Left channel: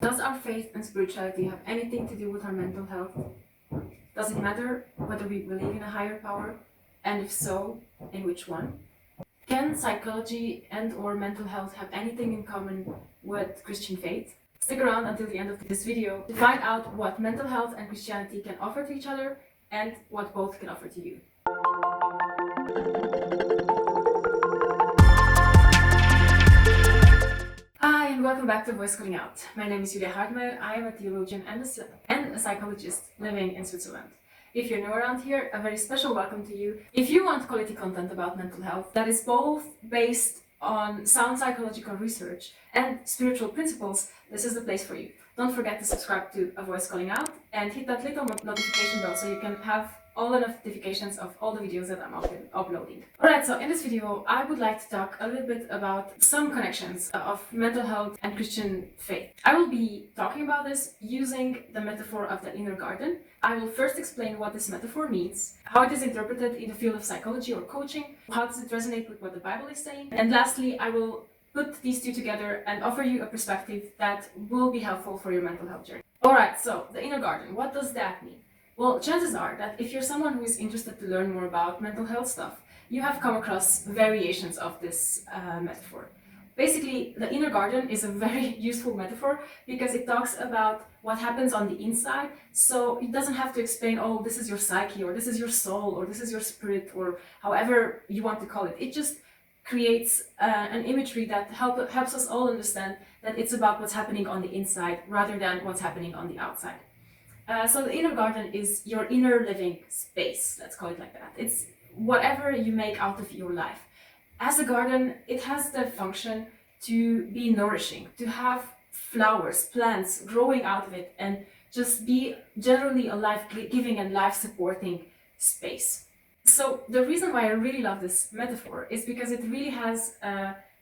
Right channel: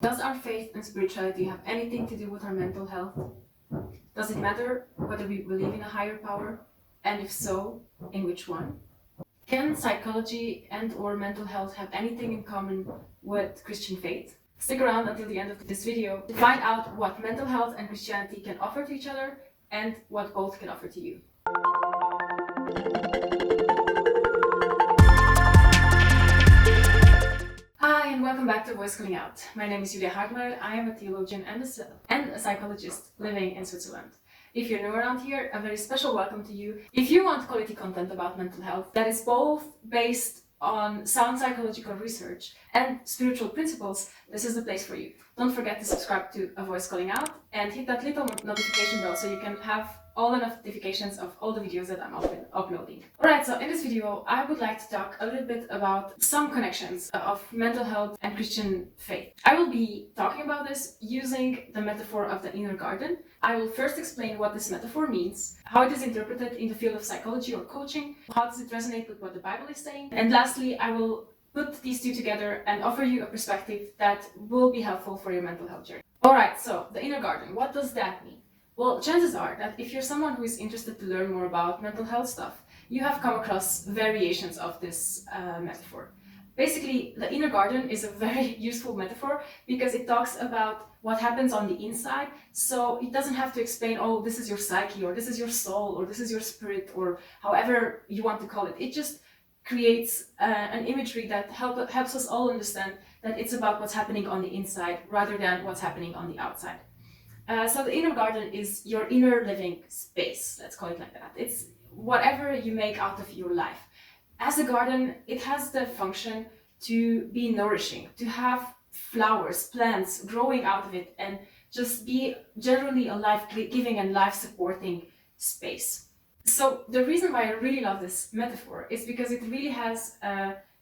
Does our faith and spirituality have anything to do with our mental health? Does it matter whether we believe in a higher power? And if so, in which one? Can psychology and or mental health have anything in common with Christian faith? Stick around until the end of this video to find out what mental health and Christianity can offer to each other and what both can offer to you. Hi and welcome back to Voice Calling Out. My name is Judeo-Christian. I am a theologian and a psychologist living in Switzerland. If you're new around here, a very special welcome to you. If you want quality content about mental health that is both based on sound psychological research and spiritual principles, this is the place for you. Don't forget to subscribe to A Voice Calling Out and hit that little notification bell so you can have all the notifications of all the videos that I'm uploading. Alright, so in this video I would like to talk a little bit about some connections of mental health and Christian faith. I will be talking about this using the metaphor of the inner garden. I will first explain what this metaphor means, how it is interpreted in the field of psychology or coaching, how does it resonate with what the Bible is saying, and lastly I will put these two together and offer you a perspective that will be helpful for your mental health journey. Alright, so the inner garden, what does that mean? Well, chances are that if you're someone who is interested to learn more about mental health stuff, you have come across variations of this metaphor. Basically, the inner garden is a very useful metaphor because it talks about what happens on the inside. So it doesn't have to explain, oh, this is your psyche, or this is your soul, or this is your spirit, or however you want to call it. It just creates an imagery that helps us all understand that it's about what's happening on the inside rather than what's happening on the outside. So the inner garden is your inner living space, let's call it like that. It's whatever you make out of your life. As a garden, it has the function to be nourishing, to have flowers, plants growing out of it, and just be generally a life-giving and life-supporting space. So the reason why I really love this metaphor is because it really has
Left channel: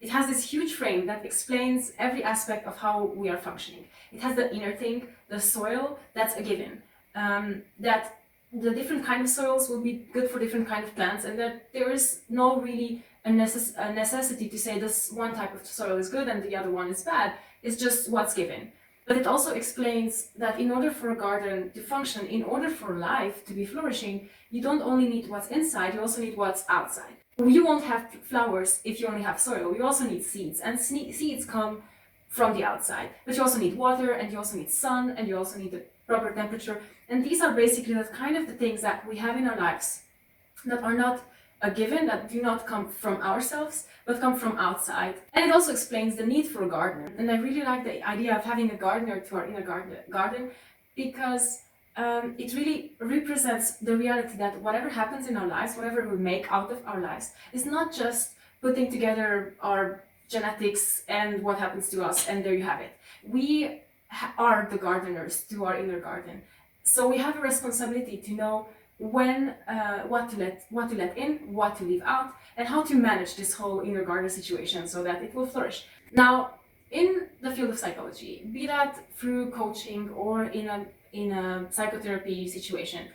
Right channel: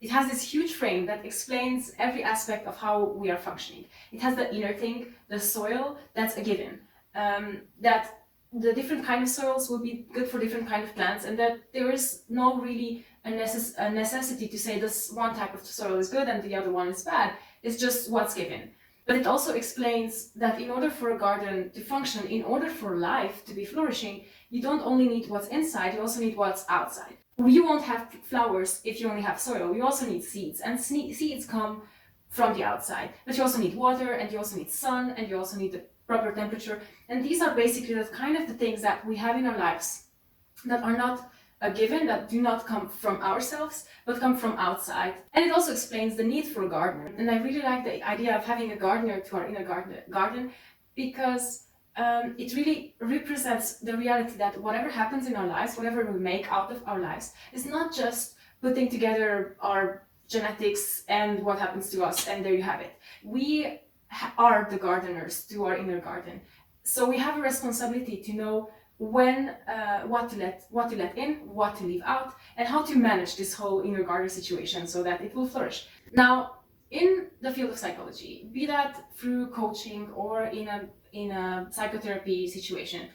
this huge frame that explains every aspect of how we are functioning. It has the inner thing, the soil, that's a given. That the different kind of soils will be good for different kind of plants, and that there is no really a necessity to say this one type of soil is good and the other one is bad. It's just what's given. But it also explains that in order for a garden to function, in order for life to be flourishing, you don't only need what's inside, you also need what's outside. You won't have flowers if you only have soil. You also need seeds, and seeds come from the outside. But you also need water, and you also need sun, and you also need the proper temperature. And these are basically the kind of the things that we have in our lives that are not a given, that do not come from ourselves, but come from outside. And it also explains the need for a gardener. And I really like the idea of having a gardener to our inner garden because it really represents the reality that whatever happens in our lives, whatever we make out of our lives, is not just putting together our genetics and what happens to us, and there you have it. We are the gardeners to our inner garden. So we have a responsibility to know when, what to let in, what to leave out, and how to manage this whole inner garden situation so that it will flourish. Now, in the field of psychology, be that through coaching or in a psychotherapy situation,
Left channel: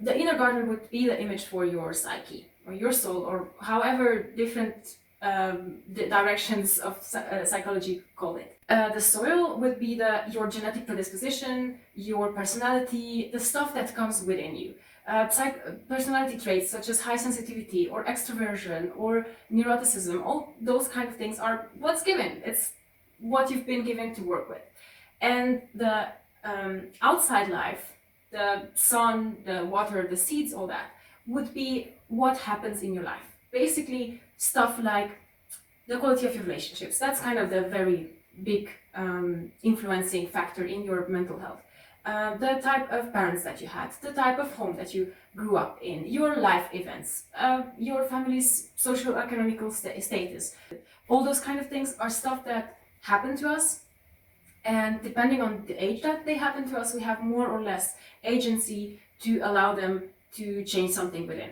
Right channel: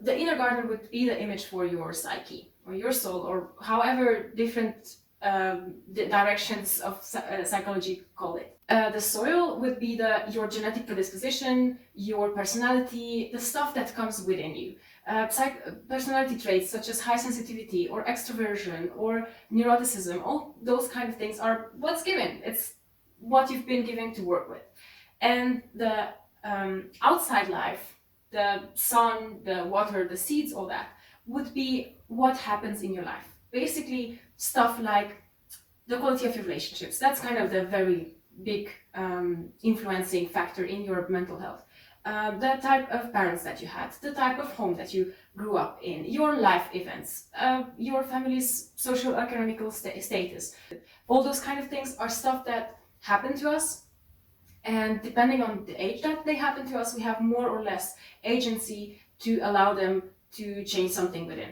the inner garden would be the image for your psyche or your soul, or however different directions of psychology call it. The soil would be your genetic predisposition, your personality, the stuff that comes within you. Personality traits such as high sensitivity or extroversion or neuroticism, all those kind of things are what's given. It's what you've been given to work with. And the outside life, the sun, the water, the seeds, all that, would be what happens in your life. Basically, stuff like the quality of your relationships. That's kind of the very big influencing factor in your mental health. The type of parents that you had, the type of home that you grew up in, your life events, your family's socio-economical status. All those kind of things are stuff that happen to us, and depending on the age that they happen to us, we have more or less agency to allow them to change something within.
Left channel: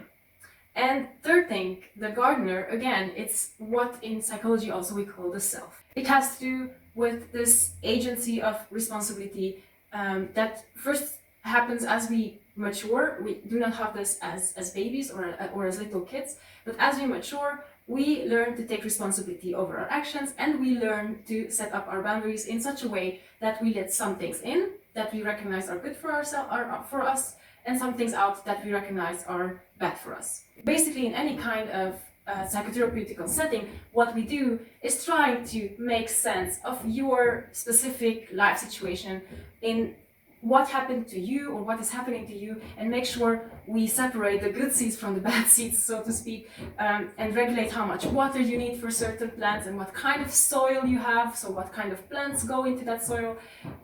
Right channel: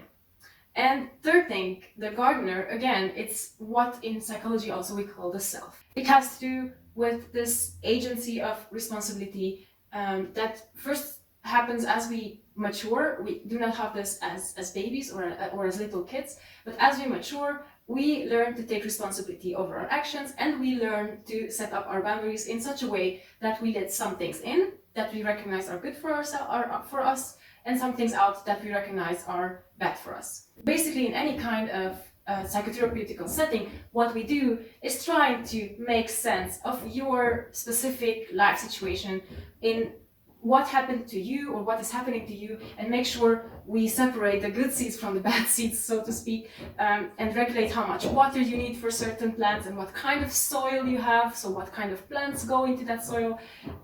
And third thing, the gardener, again, it's what in psychology also we call the self. It has to do with this agency of responsibility that first happens as we mature. We do not have this as babies or as little kids, but as we mature, we learn to take responsibility over our actions, and we learn to set up our boundaries in such a way that we let some things in that we recognize are good for ourselves, are for us, and some things out that we recognize are bad for us. Basically, in any kind of psychotherapeutical setting, what we do is try to make sense of your specific life situation in what happened to you or what is happening to you, and make sure we separate the good seeds from the bad seeds, so to speak, and regulate how much water you need for certain plants and what kind of soil you have, so what kind of plants go into that soil,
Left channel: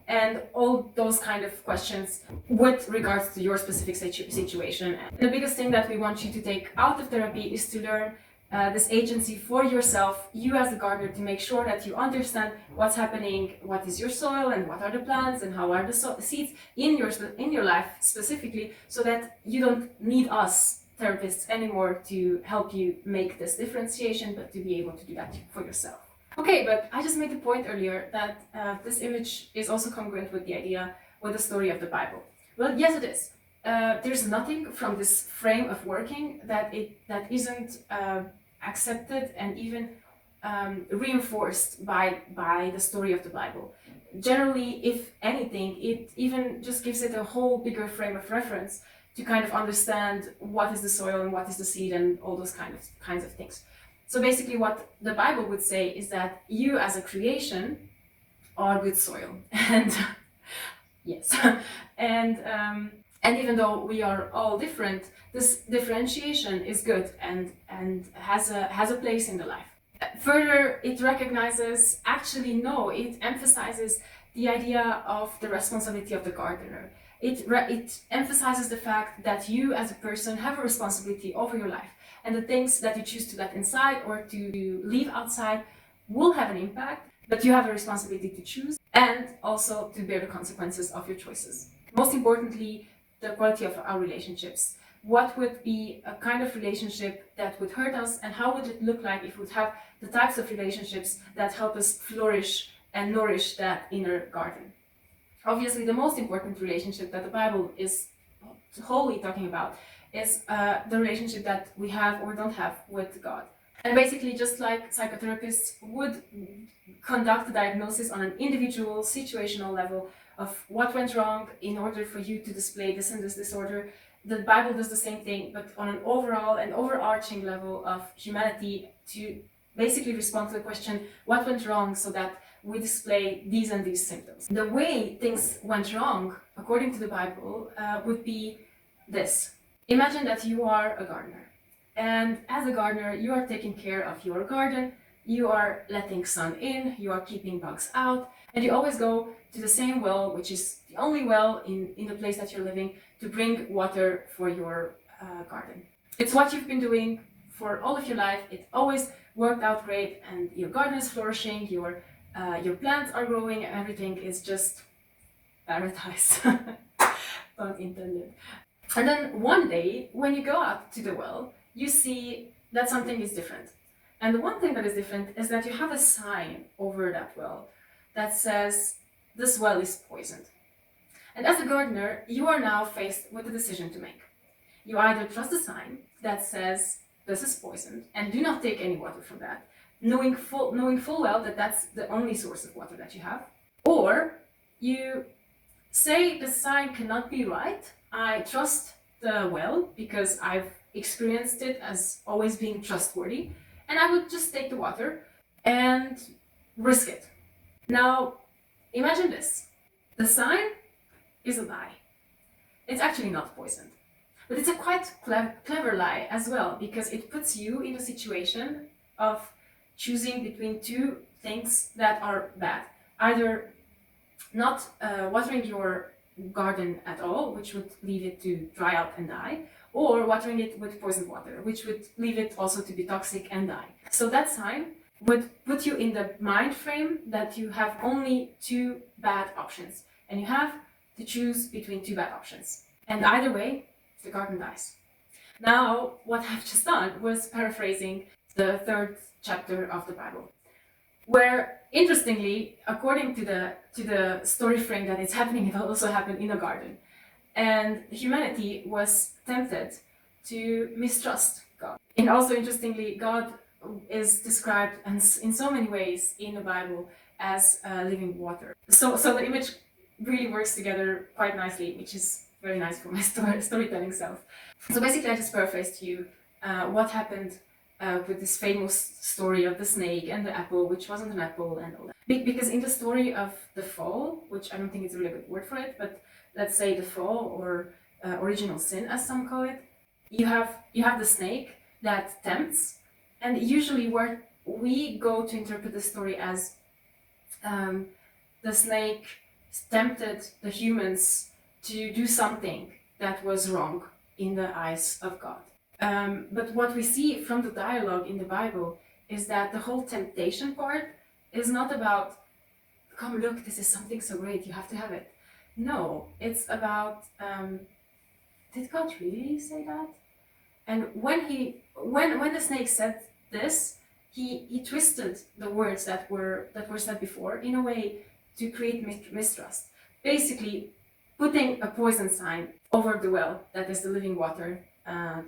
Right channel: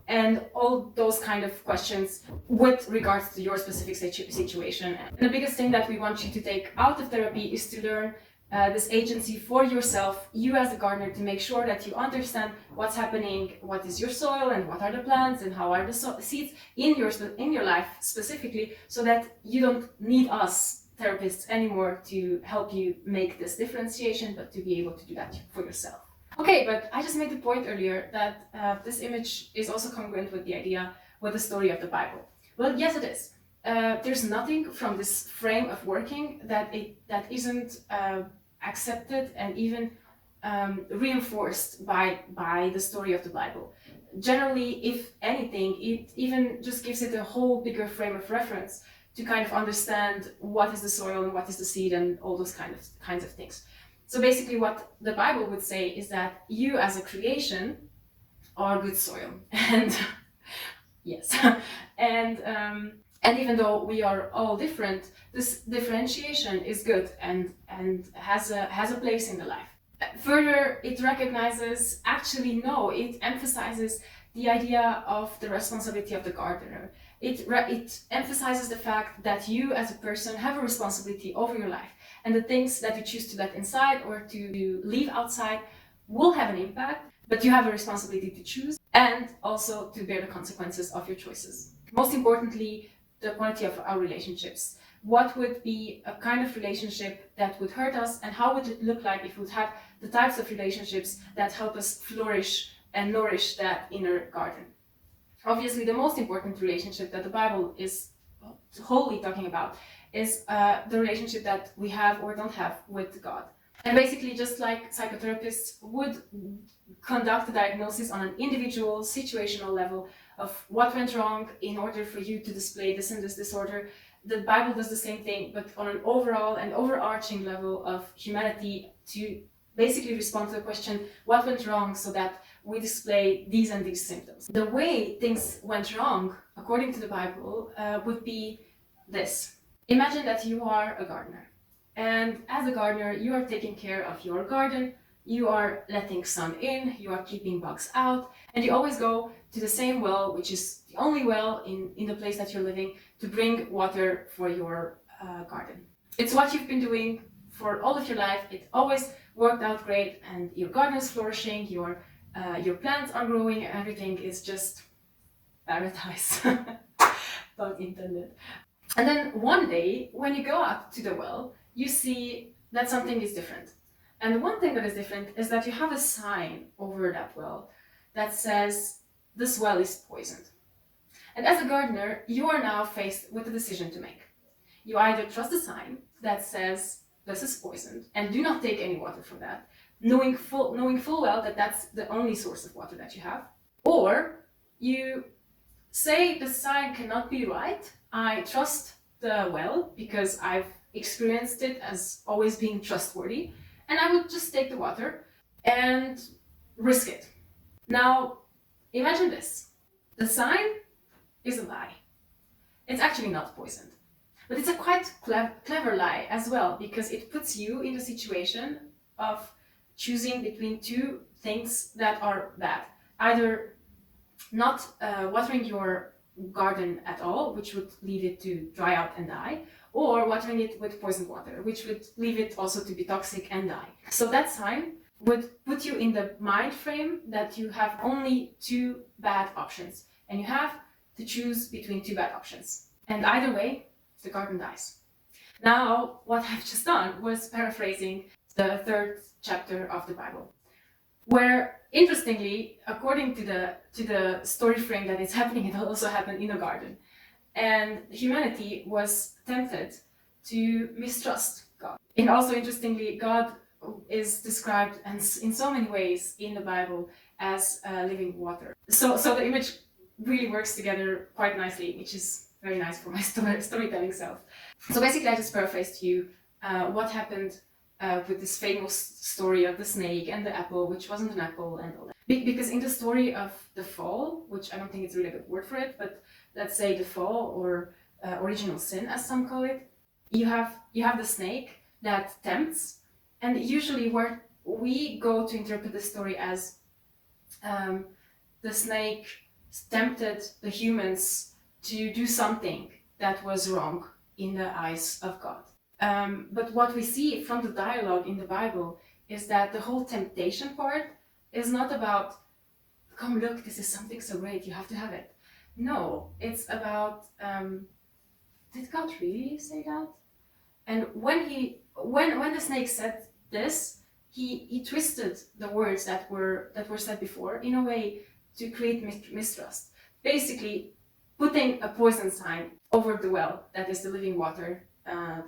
and all those kind of questions with regards to your specific situation. And the biggest thing that we want you to take out of therapy is to learn this agency for yourself, you as a gardener, to make sure that you understand what's happening, what is your soil, and what are the plants, and how are the seeds in your life specifically, so that you don't need us therapists anymore to help you make this differentiation, but to be able to do that for yourself. Okay, but I just made the point earlier that this image is also congruent with the idea, with the story of the Bible. Well, yes, it is. There's nothing from this frame of working that isn't accepted and even reinforced by the story of the Bible. Generally, if anything, it even just gives it a whole bigger frame of reference to kind of understand what is the soil and what is the seed and all those kinds of things. So basically what the Bible would say is that you as a creation are good soil. And yes, and even though we are all different, this differentiation is good and has a place in the life. Further, it emphasizes the idea of the responsibility of the gardener. It emphasizes the fact that you as a person have a responsibility over your life, and the things that you choose to let inside or to leave outside will have an impact, but you have a responsibility to choose and also to bear the consequences of your choices. Most importantly, the quality of our relationships. What would be a kind of relationship that would hurt us, and how would it look like if we would have the types of relationships that help us flourish and nourish that inner garden? Obviously, the most important relationship that the Bible is wholly talking about is the relationship that we have or don't have with God. And basically, just like psychotherapists would conduct a diagnosis on an individual, situational level of what went wrong in order for you to display this and this disorder, the Bible does the same thing, but on an overall and overarching level of humanity, to basically respond to the question, what went wrong, so that we display these and these symptoms. The way things went wrong, according to the Bible, would be this. Imagine that you are a gardener. And as a gardener, you are taking care of your garden, you are letting sun in, you are keeping bugs out, and you always go to the same well, which is the only well in the place that you're living, to bring water for your garden. It's what you've been doing for all of your life. It always worked out great, and your garden is flourishing, your plants are growing, everything is just paradise. Pun intended. And then one day, when you go out to the well, you see that something is different. And the one thing that is different is that you have a sign over that well that says, this well is poisoned. And as a gardener, you are now faced with a decision to make. You either trust the sign that says, this is poisoned, and do not take any water from that, knowing full well that that's the only source of water that you have, or you say the sign cannot be right, I trust the well because I've experienced it as always being trustworthy, and I would just take the water and risk it. Now, imagine this. The sign is a lie. It's actually not poisoned. But it's a quite clever lie as well, because it puts you in a situation of choosing between two things that are bad. Either not watering your garden at all, which would leave it to dry out and die, or watering it with poisoned water, which would leave it also to be toxic and die. So that sign would put you in the mind frame that you have only two bad options, and you have to choose between two bad options. And either way, the garden dies. Now, what I've just done was paraphrasing the third chapter of the Bible, where, interestingly, according to the story frame that is happening, it also happened in a garden. And humanity was tempted to mistrust God. And also, interestingly, God is described in so many ways in the Bible as living water. So the image really works together quite nicely, which is very nice for my storytelling self. So basically, I just paraphrased to you what happened with this famous story of the snake and the apple, which wasn't an apple, and all that. Because in the story of the fall, which I don't think it's a really good word for it, but let's say the fall or original sin, as some call it, you have the snake that tempts, and usually where we go to interpret the story as the snake tempted the humans to do something that was wrong in the eyes of God. But what we see from the dialogue in the Bible is that the whole temptation part is not about, come look, this is something so great, you have to have it. No, it's about, did God really say that? And when the snake said this, he twisted the words that were said before in a way to create mistrust. Basically, putting a poison sign over the well that is the living water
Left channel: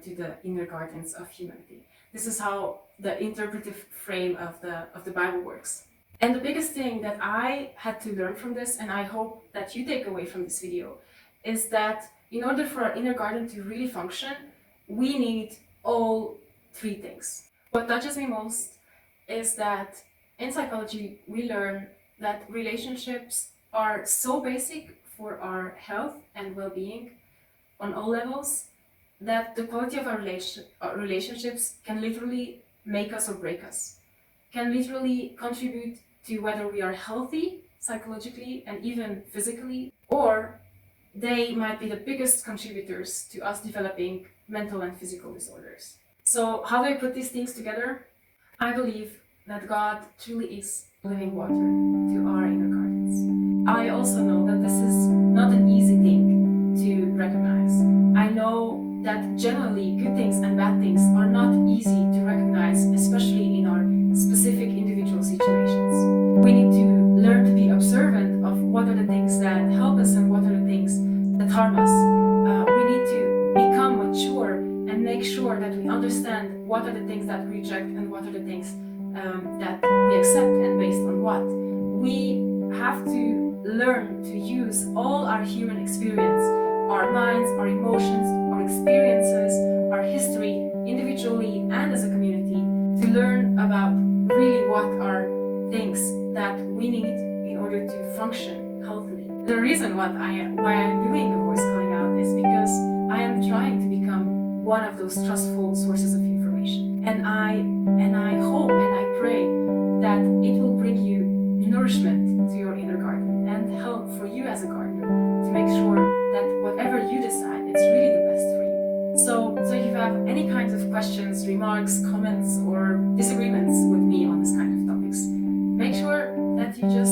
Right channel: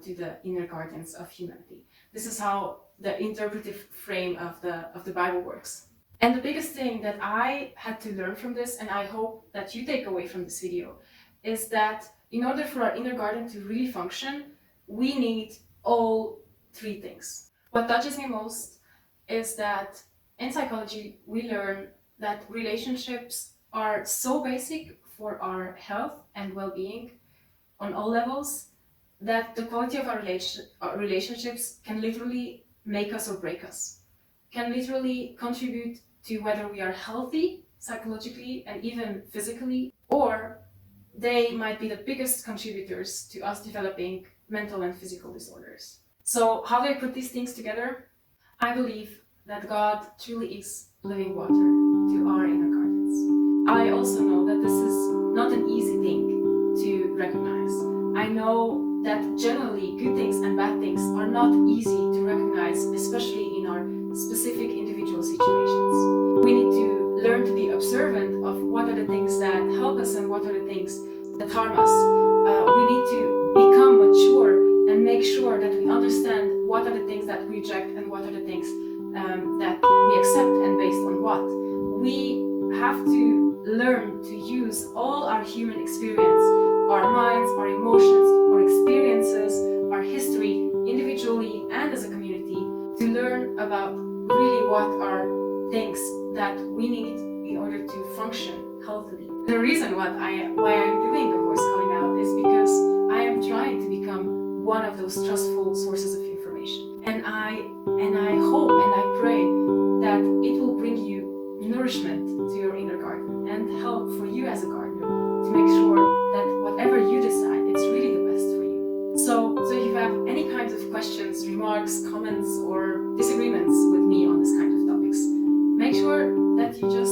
to the inner gardens of humanity. This is how the interpretive frame of the Bible works. And the biggest thing that I had to learn from this, and I hope that you take away from this video, is that in order for our inner garden to really function, we need all three things. What touches me most is that in psychology we learn that relationships are so basic for our health and well-being on all levels that the quality of our relationships can literally make us or break us, can literally contribute to whether we are healthy psychologically and even physically, or they might be the biggest contributors to us developing mental and physical disorders. So how do I put these things together? I believe that God truly is living water to our inner gardens. I also know that this is not an easy thing to recognize. I know that generally good things and bad things are not easy to recognize, especially in our specific individual situations. We need to learn to be observant of what are the things that help us and what are the things that harm us. We need to become mature and make sure that we understand what are the things that we reject and what are the things that we accept and based on what. We have to learn to use all our human experience, our minds, our emotions, our experiences, our history, individually and as a community, to learn about really what are things that we need in order to function healthily. The reason why I'm doing the voice calling out is because I am trying to become one of those trustful sources of information. And I hope and I pray that it will bring you nourishment to your inner garden and help for you as a gardener to make sure that whatever you decide, it's really the best for you. So if you have any kinds of questions, remarks, comments, or disagreements with me on this kind of topics, make sure that you just